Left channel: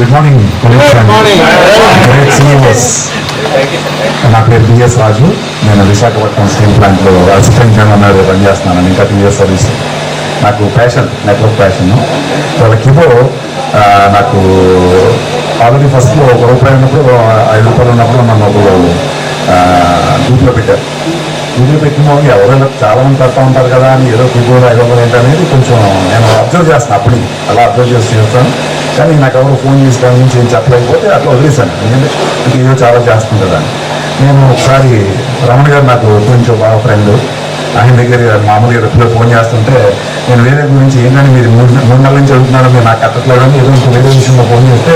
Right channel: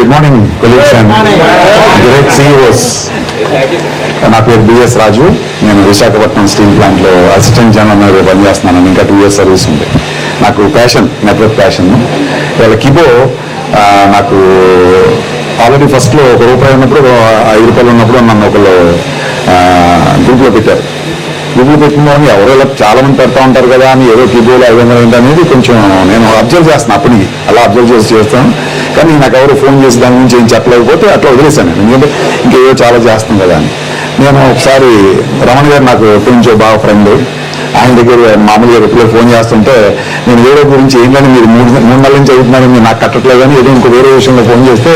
Good morning great CEOs. నా పేరు BS రాజు. నేను విశాఖపట్నం స్టీల్ ప్లాంట్లో అసిస్టెంట్ జనరల్ మేనేజర్ పనిచేస్తున్నాను. ఇంకా 2 years సర్వీస్ ఉంది. నాకు ప్యాషన్, నెట్వర్క్ ప్యాషన్. ఇవాళ కిబో నాకు ఆల్రెడీ ఫస్ట్లో ₹1 ఉన్నప్పుడు, ₹5 ఉన్నప్పుడు నన్ను ఒకళ్ళు గ్రూప్లో పెట్టారు. గ్రూప్లో పెట్టిన ఎవరో చాలా మంది పెడతా ఉంటారు కదా అని ఏదో కిబోలో ఏంటనేది కొంచెం నేను అబ్జర్వ్ చేస్తాను. అప్పటికి అలా అబ్జర్వ్ చేస్తాను. కానీ నాకు ఎవరు ఫోన్ చేసి దాని గురించి ఏం చెప్పలేకపోతే అట్లా వదిలేశాను. ఎందుకంటే ఇంకేదో చాలా చేస్తుంది కదా అని. నేను ఒకసారి రమణ గారు నాకు ఎప్పటి నుంచో బాగా ఫ్రెండ్. ఆయన దగ్గర మామూలుగా ఎప్పుడు ఫోన్ చేస్తుంటే నేను వేరే గురించి ఏంటంటే మీరు 3 నెలల నుంచి చదువుతున్నాను, మీరు నాకు కట్టట్లేదు అని ఏదో ఇంకో వేరే విషయంలో ఫోన్ చేస్తే,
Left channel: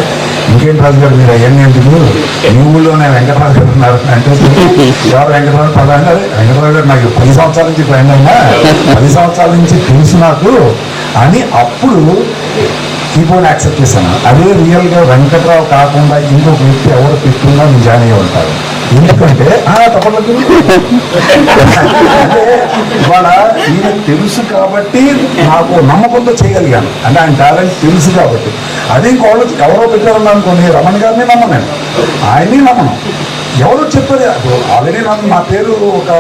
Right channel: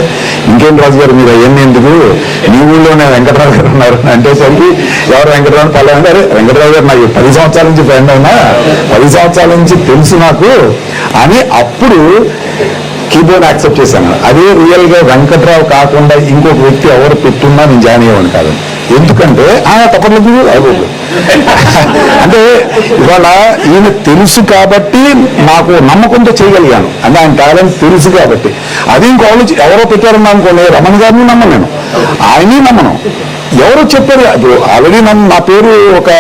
ఇంకేం రాజు గారు మీరు అవన్నీ ఎందుకు, మీ ఊళ్ళోనే వెంకటరావు గారు ఉన్నారు అంటే ఎవరు వెంకటరావు పలానా. అరే వెంకటరావు గారు నాకు 10 సంవత్సరాల నుంచి ఫ్రెండ్ అయినా, 10 సంవత్సరాల నుంచి తెలుసు నాకు అని అప్పుడు కీబోర్డ్ యాక్సెప్ట్ చేశాను. అదే రియల్గా వెంకట్రావు కాకుండా ఇంకొక వ్యక్తి ఎవరు పెట్టున్నా నేను జాయిన్ అయ్యేవాడు కాదు. ఎందుకంటే తప్పలేదు అంటే ఇవాళ ఈయన తెలుసు కాబట్టి నాకు నమ్మకంతో చేయగలిగాను. అంటే ఆయన టాలెంట్ తెలుసు కాబట్టి. అదే ఇంకోళ్ళు ఎవరో పెట్టారన్నా అనుకోని రమణ గారిని నమ్మను, నేను ఆయన్ని నమ్మను. ఎవరో చెప్పారు ఆల్రెడీ నన్ను, నా పేరు ఒక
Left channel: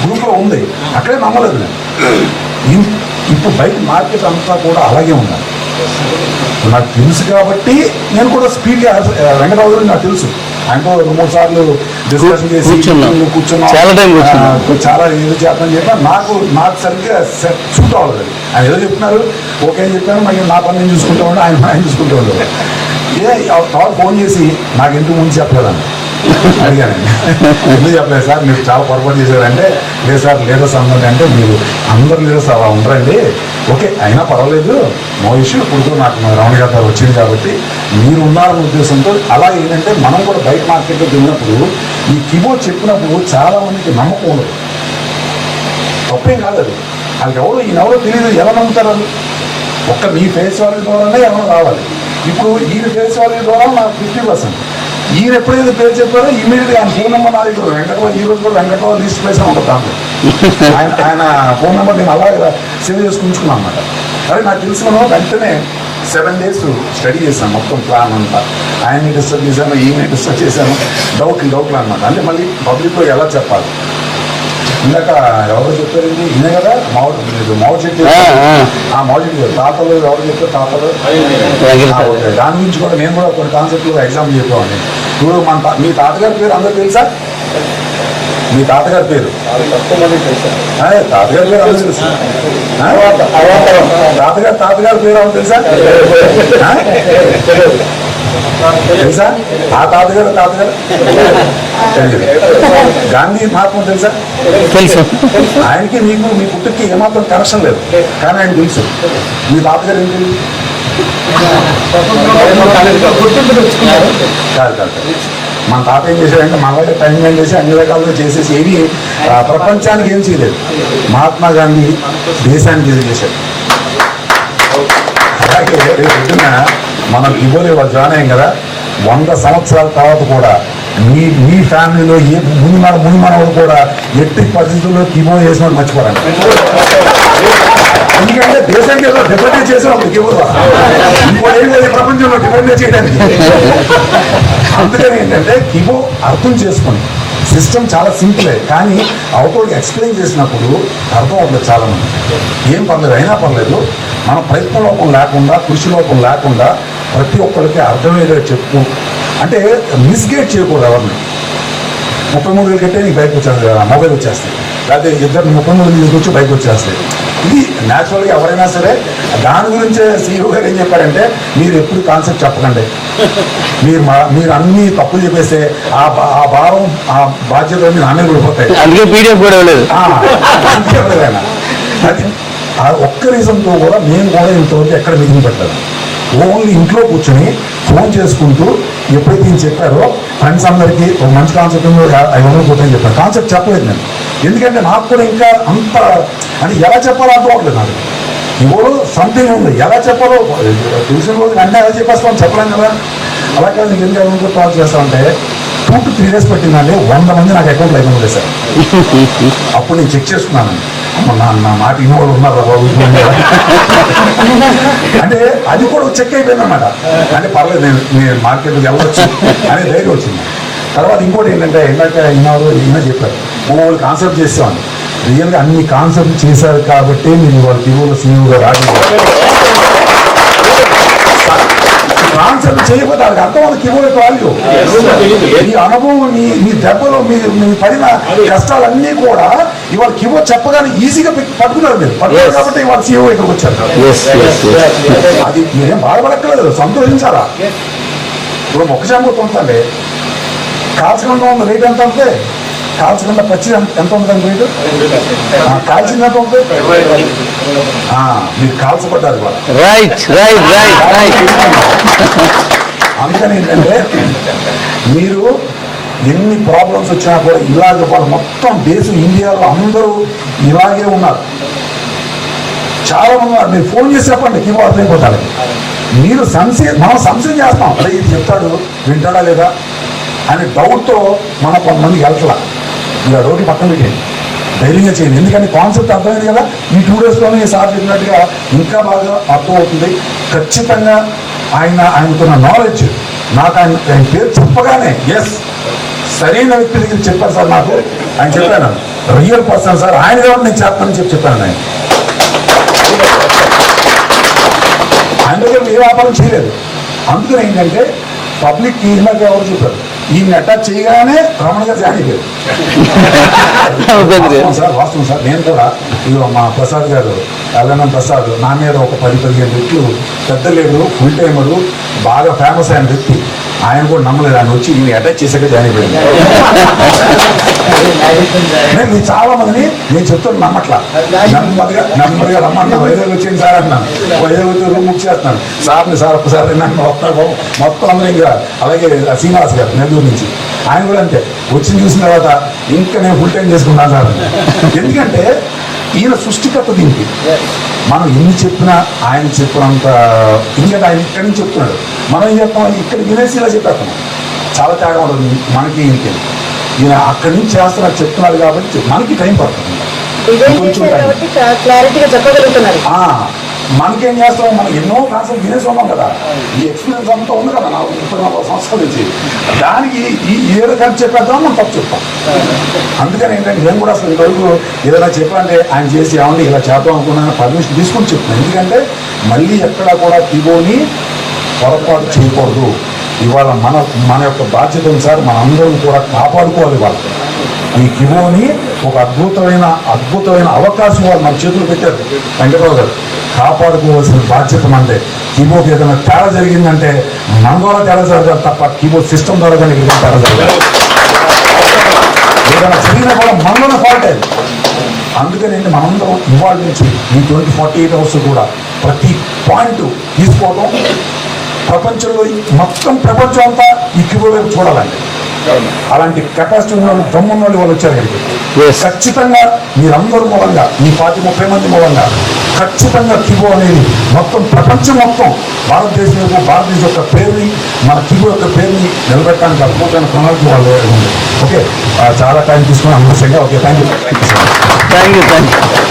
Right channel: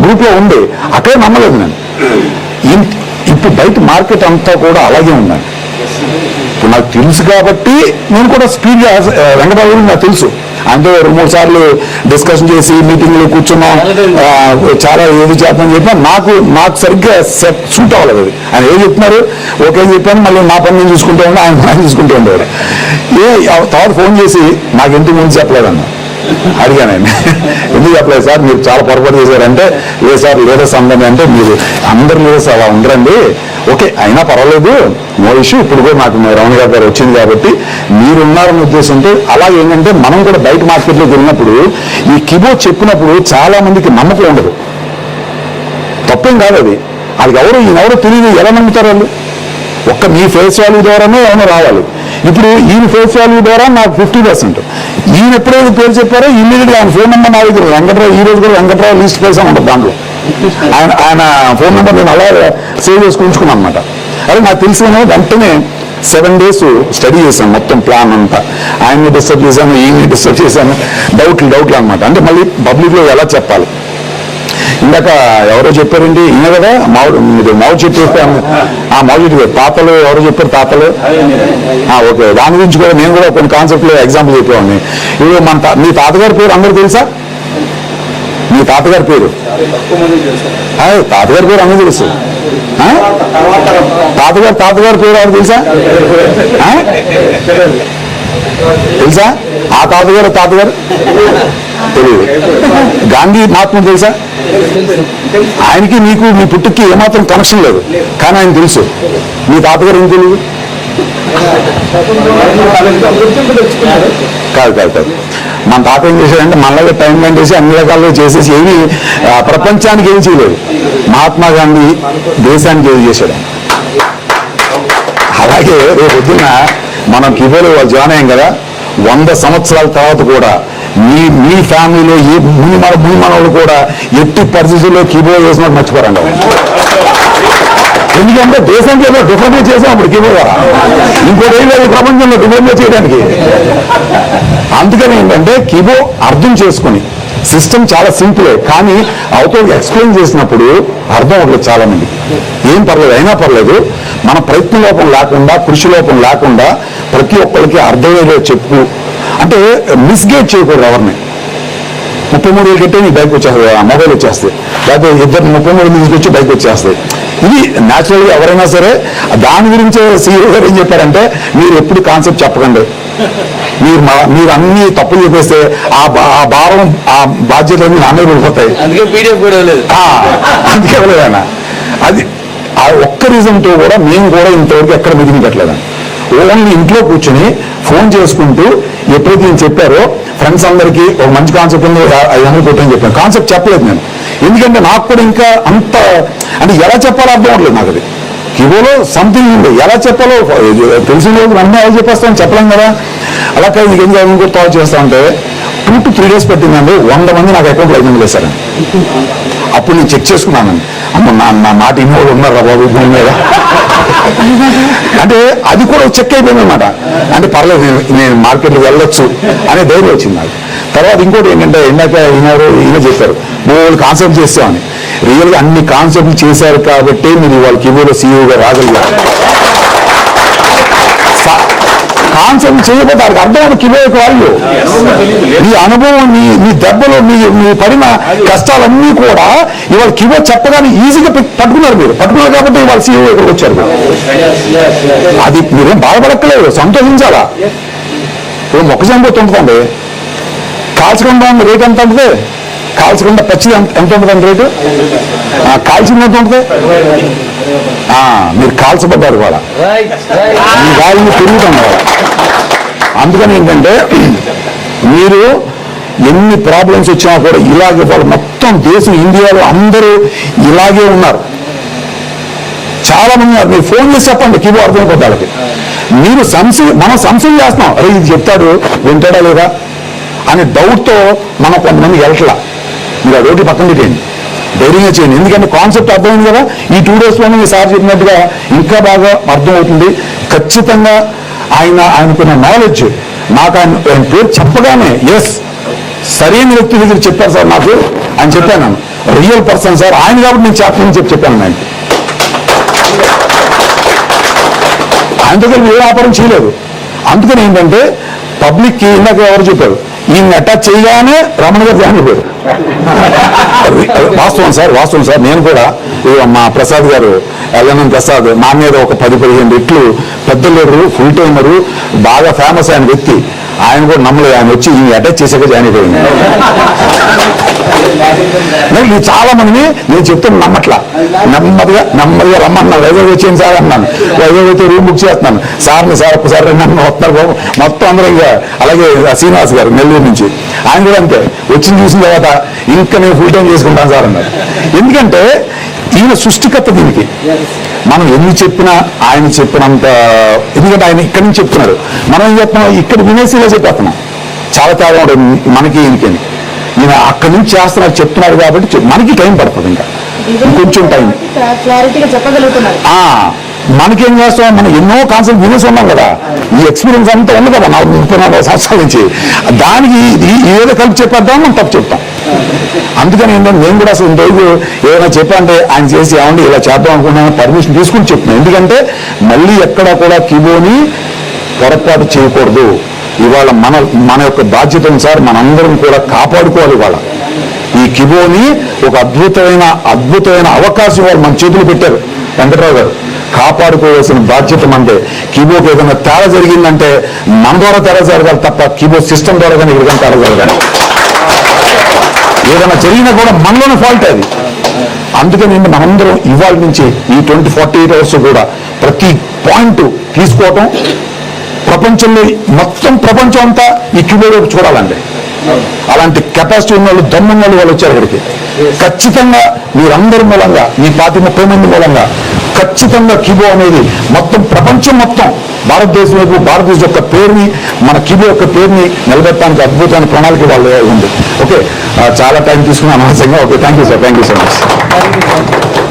గ్రూప్లో ఉంది, అక్కడే నమ్మలేదు నేను. ఇప్పుడు బయట మార్కెట్ అంతా కూడా అలాగే ఉందండి. ఇప్పుడు నాకు తెలుసు కాబట్టి నేను కూడా స్పీడ్గా వెంకటరావు నాకు తెలుసు అంటే 2-3 సార్లు డిస్కషన్ చేసి మీటింగ్లు కూర్చున్నాం, చాలా ఏది చేద్దామని చెప్పినా నాకు సరిగ్గా సూట్ అవ్వలేదు. అది ఆయన ఏదో చెప్తున్నారు, ఓకే చెప్పాను, మళ్ళీ మా పని నేను చూసుకుంటూ ఉన్నా, ఆయన చూసుకుంటూ ఉండేవారు. తర్వాత ఫోన్ చేసి నాకు ఇంటికి ముందు చెప్పలేదన్న అడిగానండి. ఎందుకు చెప్పలేదు సార్, మీరు చాలా పొరపాటు చేశారంటే, లేదు సార్ లీడర్స్ అందరినీ అంటే, మీరు అందరు లీడర్స్ అలా ఉండరండి, ఓకే అయినా పర్వాలేదు, నో ఇష్యూ. ఇప్పుడు కూడా నాకు రమణ గారు వచ్చింది కాబట్టి మీరున్నారన్న ఉద్దేశంతో. అలాగే ఏంటంటే మనం కూడా బయట మార్కెట్లోకి వెళ్ళినప్పుడు ఈ కీబోర్డ్ చెప్పినప్పుడు చాలా మందికి నమ్మకం ఉండదు. తప్పేం కాదు అది, వాళ్ళకి ఈయనెవరో తెలియదు, ఎలా నమ్ముతారు వాళ్ళు? ఒక్క మీ ఫేస్ వాల్యూ ద్వారానే ఏమైనా రావాలి. ఇప్పుడు ఈయన ఫేస్ వాల్యూ ద్వారా నాకు 50%. ఈయన ఎప్పుడైతే పేరు చెప్పారో ఇమ్మీడియట్గా ఆయన ఫోన్ నెంబర్ నా దగ్గర వెంకటరావు, ఈ రోజు కూడా వెంకటరావు లిస్ట్ చేసాను ఉంటుంది దాంట్లో. ఆయన ఫోన్ నెంబర్ నేను అలా సేవ్ చేసుకుని ఉంచుకున్నాను అనమాట. అదే నాకు తెలిసిన వెంటనే 7 days స్టడీ చేశాను మొత్తం ప్లాన్ అంతా. ఆయన్ని డిస్టర్బ్ చేశాను, ఈయన్ని డిస్టర్బ్ చేశాను, డౌట్లు అనమాట. అంటే మళ్ళీ పబ్లిక్లో ఎలా చెప్పాలి. ఇందాక ఎవరో చెప్పారండి, ఈయన కదా మావు చెట్టు, ఆ మావు చెట్టు తాతలు ఎవరో చెప్పారు, తాతలు ఓకే. దాని గురించి కూడా నేను కూడా కొన్ని కాన్సెప్ట్లు ఎగ్జాంపుల్ చెప్పేవాడిని. ఇప్పుడు మీ తాతగారి పేరు అందరూ తెలుసా? మీ తాతగారి పేరు అందరూ తెలుసు. తాతగారి పేరు ఎవరు తెలుసా? తెలుసా? ఆ తాతగారు తెలియదు. గాంధీ మహాత్మ తెలుసా? తెలుసు. ఆయనకి మీకు మీ పుట్టుకి ఏమాత్రం కనెక్షన్ లేదు, కానీ ఆయన తెలుసు. మీ తాతగారు ఏం తెలియదు? కాదు. మన తాత ఏం చేశాడంటే మనలో టైం స్పెండ్ చేసి అన్ని రకాలుగా చేసేసి ఏమి ప్రపంచానికి ఏం చేయలేదు. మహాత్మా గాంధీ దేశానికి ఏది చేశాడు. అలాగే రేపు పొద్దున్న మనం కిబోలో జాయిన్ అయ్యాం కదా, 100 సంవత్సరాల తర్వాత కూడా మీ ఫ్యామిలీలో ఏ ముని మనవులు కూడా ఎట్టి పరిస్థితుల్లో కిబో చేసినట్టు మర్చిపోరండి. ఎందుకంటే దేశానికి ఏదో డిఫరెంట్ చేసినప్పుడు కిబోలో ఇంకోటి ఏం లేదు ప్రపంచంలో డిఫరెంట్ చేయడానికి. అందుకని ఏంటంటే కిబో అర్థం చేసుకుని, సిస్టమ్ చాలా సింపులే కానీ అవతలకి ఎక్స్ప్లెయిన్ చేసినప్పుడు అర్థం అవ్వదు చాలా మంది. ఏం పర్లేదు, అయినా పర్లేదు, మన ప్రయత్న లోపం లేకుండా, కృషి లోపం లేకుండా ప్రతి ఒక్కరికి అర్థమయ్యేదో చెప్పు. అంటే మిస్గైడ్ చేయకూడదు ఎవరిని. 33 ఏళ్ళు కట్టే నీకు బైక్ వచ్చేస్తుంది, మొబైల్ వచ్చేస్తాయి, లేకపోతే 33 తీసుకొచ్చి బైక్ వచ్చేస్తాయి. ఇది న్యాచురల్గా ఎవరైనా సరే. దాని గురించే సీఈఓ గారు ఏం చెప్పారంటే, మీరు ఎప్పుడు కాన్సెప్ట్ చెప్పకండి, మీరు అన్ని తప్పులు చెప్పేస్తే ఆ భారం, ఆ బాధ్యతలన్నీ నామే పడిపోతాయి. అందుకే పీడిఎఫ్ కూడా లేదు. అందుకే ఇవ్వలేదన్న. అది ఆ ఒక్క రీజన్తో కూడా మేము కూడా ఇంతవరకు ఎక్కడ మీటింగ్ పెట్టలేదు. ఓన్లీ ఇంట్లో కూర్చొని ఫోన్ చేసుకుంటూ ఎప్పుడైతే నేను చెప్పారో ఫ్రెండ్స్ అందరికీ ఒక మంచి కాన్సెప్ట్ ఉంది 500 పెట్టని చెప్పాను. కాన్సెప్ట్ చెప్పలేదు నేను, ఎందుకంటే నాకు కూడా ఇంకా అంత అంటే ఎలా చెప్పాలో అర్థం అవ్వలేదు నాకు. అది కిబోలో సంథింగ్ ఉంది, ఎలా చెప్పాలో తెలిసిన రోజు అన్నీ ఎలా చెప్పేస్తామని చెప్పలేం కదా. అలా కాదు, నీకు ఎందుకు కూడా థాట్ చేస్తా ఉంటే 2 to 3 days పెట్టిందండి. 100 మంది నాకు అకౌంట్లో 500 వేశారు. అప్పుడు నేను చెక్ చేసుకున్నానండి. అమ్మ నా మాట ఇన్నోళ్ళు ఉన్నారా బాబు భూమి మీద అంటే అది కూడా చెక్ అయిపోయింది అనమాట. అంటే పర్లేదు నేను మార్కెట్లోకి వెళ్ళొచ్చు అనే ధైర్యం వచ్చింది నాకు. తర్వాత ఇంకోటి ఏంటంటే ఇందాక ఈయన చెప్పారు 3 కాన్సెప్ట్ చేస్తామని. రియల్గా అన్ని కాన్సెప్ట్లు చేశారు కాబట్టి మీరు ఇవాళ కిబోలో సీఈఓగా రాగలిగారు. కాన్సెప్ట్ చేయకపోతే వారికి అర్థం కిలో యొక్క వాల్యూ, నీ అనుభవం, నీ దెబ్బలు, నీ పడిన కష్టాలన్నీ కూడా ఇవాళ కిలో చెప్పగానే ఈజీగా పట్టుకున్నారు కాబట్టి ఇవాళ సీఈఓ ఇక్కడికి వచ్చారు. అది మీరేం బాధపడక్కలేదు, సంతోషించాలా. ఇప్పుడు మొక్కజొన్న పొత్తు ఉంటుందండి, కాల్చకుండా రేట్ ఎంత ఉంటుంది, కాల్చకుండా పచ్చిది ఎంత ఉంటుందండి రేటు, కాల్చింది ఎంత ఉంటుంది, మీరు కాల్చబడ్డారు కూడా పెరుగుతుంది. అందుకని ఏంటంటే మీరు ఎన్ని ప్రాబ్లమ్స్ వచ్చినా కూడా ఇలాగే వాళ్ళు మొత్తం దేశం ఇండియాలో అందరూ ఇలాగే ఉన్నారు. చాలా మంది ఉన్నారు. మీరు ఫోన్ చేసి చెప్పండి కిలో అర్థమైపోతే వాళ్ళకి. మీరు మనం సంశయం చేస్తున్నాం, ఇది చెప్తాడు వింటాడా లేదా అనే డౌట్తో మనం కొంతమంది వెళ్ళట్లా. మీరు రోడ్డు పక్కన పెట్టేయండి, ధైర్యంగా చేయండి. ఎందుకంటే కాన్సెప్ట్ అర్థమైంది కదా. ఈ 2 డేస్లోనే సార్ చెప్పినట్టుగా ఇంకా బాగా అర్థమవుతుంది. ఖచ్చితంగా ఆయనకున్న నాలెడ్జ్ నాకు ఆయన పేరు చెప్పగానే ఎస్ సరైన వ్యక్తి దగ్గర చెప్పారు సార్ నాకు అని చెప్పాను. రియల్ పర్సన్ సార్ ఆయన కాబట్టి నేను చెప్పానని చెప్పాను. ఆయన దగ్గర ఏ వ్యాపారం చేయలేదు. అందుకని ఏంటంటే పబ్లిక్కి ఇందాక ఎవరు చెప్పారు, ఈయన అటాచ్ చేయగానే రమణ గారు జాయిన్ అయిపోయారు. వాస్తవం సార్ నేను కూడా మా ప్రసాద్ గారు ఎల్ఎన్ఎం ప్రసాద్ నా మీద ఒక 10-15 రెట్లు పెద్ద లీడరు, ఫుల్ టైమరు, బాగా ఫేమస్ అయిన వ్యక్తి. ఆయన కూడా నమ్మలేదు. ఆయన వచ్చి ఈ అటాచ్ చేసాక జాయిన్ అయిపోయింది. నేను చాలా మందిని నేను చెప్తున్నా నమ్మట్లా. నెమ్మదిగా రమ్మన్నా వైజాగ్ వచ్చేయండి సార్ అన్నాను. వైజాగ్ వచ్చి రూమ్ బుక్ చేస్తున్నాను. సార్ ఒక్కసారి నన్ను వస్తారు మొత్తం అందరూ. ఇంకా అలాగే శ్రీనివాస్ గారు నెల్లూరు నుంచి, ఆయన కూడా అంతే. వచ్చి చూసిన తర్వాత ఇంకా నేను ఫుల్ టైం చేసుకుంటాను సార్ అన్నారు. ఎందుకంటే ఈయన సృష్టికర్త దీనికి. మనం ఎన్ని చెప్పినా ఆయన చెప్పినంత, ఎందుకంటే ఆయన ఇక్కడి నుంచి చెప్తున్నాడు, మనం ఏం చెప్తున్నాం ఇక్కడ వినేసిగా చెప్పేస్తున్నాం. చాలా తేడా ఉంటుంది మనకి ఈయనకి. ఈయన అక్కడి నుంచి చేస్తున్నారు చెప్తున్నారు కాబట్టి మనకి టైం పడుతుంది, ఇంకా కొంచెం టైం. మనకేం చేస్తాం, మనం ఎన్నో కాన్సెప్ట్ వినేసి ఉన్నాం కదా. ఈ ఎక్స్పీరియన్స్ అంతా ఉంది కదా 34 సంవత్సరాల నుంచి. దానికి ఏదో కలిపి చెప్పేద్దాం మనం తప్పు చెప్తాం. అందుకని ఏంటంటే నేను కూడా అసలు రోజు ఏదైనా చెప్పాలంటే ఆయన చేసి ఏమండి ఇలా చేద్దాం అనుకున్నాను పర్మిషన్ తీసుకుని చెప్తున్నాను. ఎందుకంటే మళ్ళీ ఎక్కడా కూడా కిబోని పొరపాటు చేయకూడదు. ఇవాళ మన యొక్క బాధ్యతను సార్ మనందరం కూడా కాపాడుకోవాలి. ఇవాళ ఈ కిబోని ఒక అద్భుతమైన అవకాశం వాళ్ళు మన చేతులు పెట్టారు వెంకటరావు గారు. కాపాడుకోవాల్సిన బాధ్యత మనదే. కిబోకి ఏదైనా తేడా జరిగిందంటే మన ద్వారా తేడా జరగాలి తప్ప కిబో సిస్టమ్ ద్వారా కానీ ఇక్కడ తేడా జరగాలి. ఏదైనా జరిగినా కూడా మనలోనే ఫాల్ట్ అది. అందుకని మనందరం ఇవాళ నుంచి ఈ 48 అవర్స్ కూడా ప్రతి పాయింట్ తీసుకోవటం, ప్రపంచంలో మొత్తం ప్రపంచం అంతా ఈ కిబోర్డ్ చూడాలండి. అలాంటి కెపాసిటీ ఉన్న వాళ్ళు, దమ్మున్న వాళ్ళు వచ్చారు ఇక్కడికి. ఖచ్చితంగా మీరందరి మూలంగా, ఈ 30 మంది మూలంగా ఖచ్చితంగా కిబో అనేది మొత్తం ప్రపంచం మొత్తం భారతదేశం యొక్క పేరుని, మన కిబో యొక్క పేరుని నిలబెట్టడానికి అద్భుతమైన ప్రణాళిక వాళ్ళు ఉంది. ఓకే, చాలా టైం తీసుకున్నాను అనవసరంగా. Okay, thank you sir, thank you so much.